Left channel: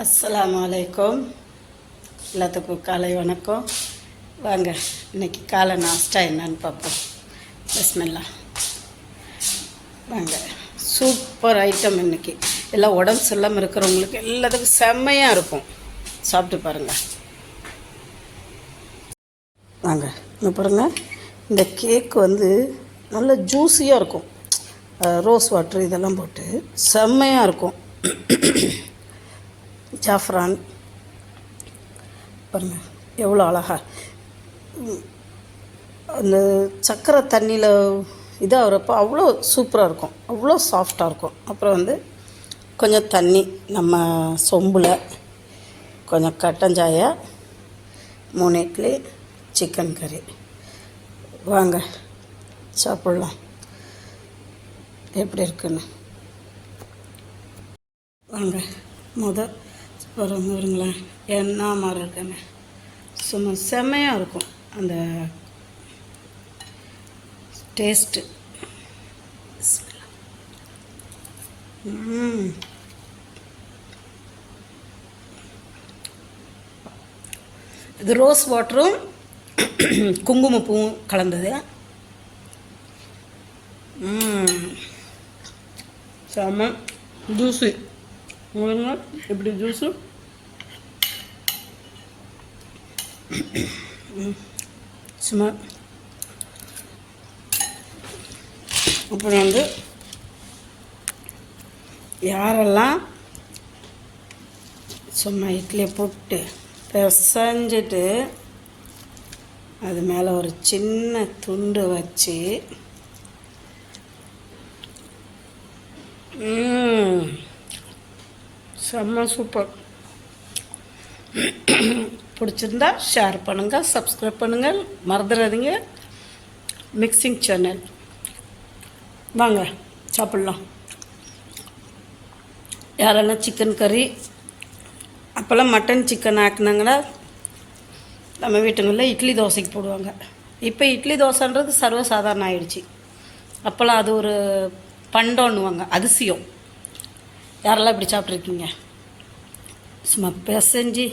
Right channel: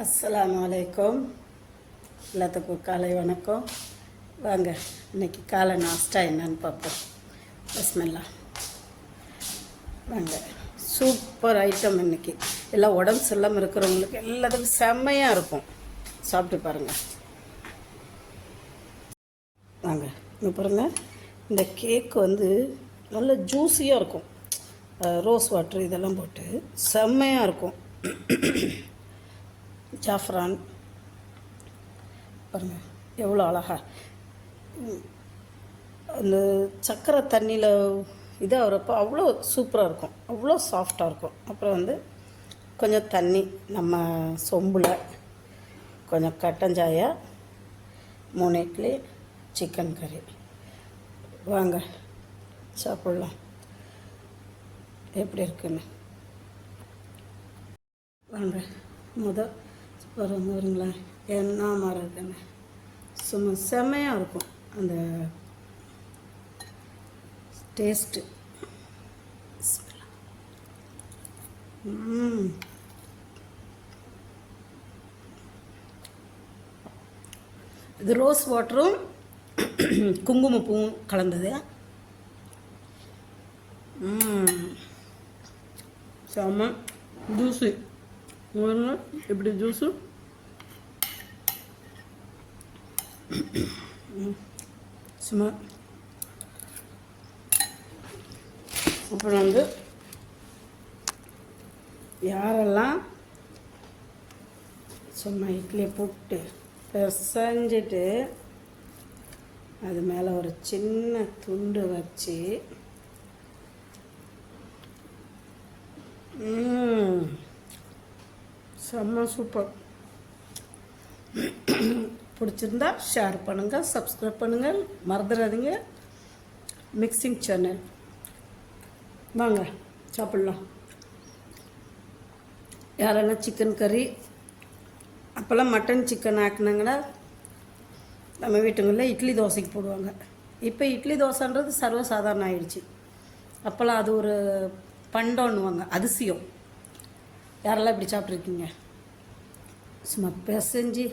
அஸ்ஸலாமு அலைக்கும். எல்லாத்துக்கும் காலை வணக்கம். வாங்க இன்றைக்கி காலை நாஸ்டா என்னன்னு பார்ப்போம். பிஸ்மில்லா. வாங்க, சூப்பர் ஐட்டம் இன்றைக்கி. எல்லாம் உடம்பு சரியில்லாமல் இருக்கிறவங்களுக்கு எல்லாத்துக்கும் செம்மையாக இருக்கும். சாப்பிட்டு பாருங்கள். வாங்க இங்கே பாருங்கள், இந்த கேக் நல்ல ஜூஸியாக இருக்கும். ரோஸ் வாட்ரு இதெல்லாம் போட்டு செம்மையாக இருக்கும். ஜாஃப்ரான் பாருங்கள் எவ்வளோ அழகாக அந்த சர்க்கரை தண்ணியில் இதாகிறப்போ அவ்வளோ சூப்பராக இருக்கும், அவ்வளோ சாஃப்டாக இருக்கும். அப்புறம் கொஞ்சம் தண்ணி, நம்ம சொம்பில் கொஞ்சம் கட்டஞ்சாயா, 3 இட்லி, சிக்கன் கறி. வாங்க சாப்பிட்லாம் எப்படி இருக்குன்னு. வாங்க வருங்களேன், என்ன மாதிரி இருக்குங்க. சும்மா செம்மையாக இருக்கும் அந்த டேஸ்ட்டு. இது ரோஸ் வாட்டரும் குங்குமப்பூவும் கலந்தது. செம்ம ஜூஸு. எப்படி ஜூஸு சும்மா. அப்புறம் யாரெல்லாம் சும்மா இட்லியை போட்டு பிசைஞ்சிட்டு அது மேலே ஒரு சின்ன துண்டு வச்சு செம்ம சூப்பர். பிடிச்சிருந்தா ஷேர் பண்ணுங்கள், சப்ஸ்கிரைப் பண்ணுங்கள், மறந்துடாதீங்க. Mixing channel. வாங்க சாப்பிட்லாம். யாரெல்லாம் சிக்கன் கறி, அப்போல்லாம் மட்டன் சிக்கன் ஆக்குனாங்கன்னா நம்ம வீட்டுங்களில் இட்லி தோசைக்கு போடுவாங்க. இப்போ இட்லி தோசைன்றது சர்வசாதாரணம் ஆயிடுச்சு. அப்போல்லாம் அது ஒரு பண்டம்னுவாங்க, அதிசயம். யாரெல்லாம் இப்படி சாப்பிட்ருக்கீங்க? சும்மா பிசைஞ்சு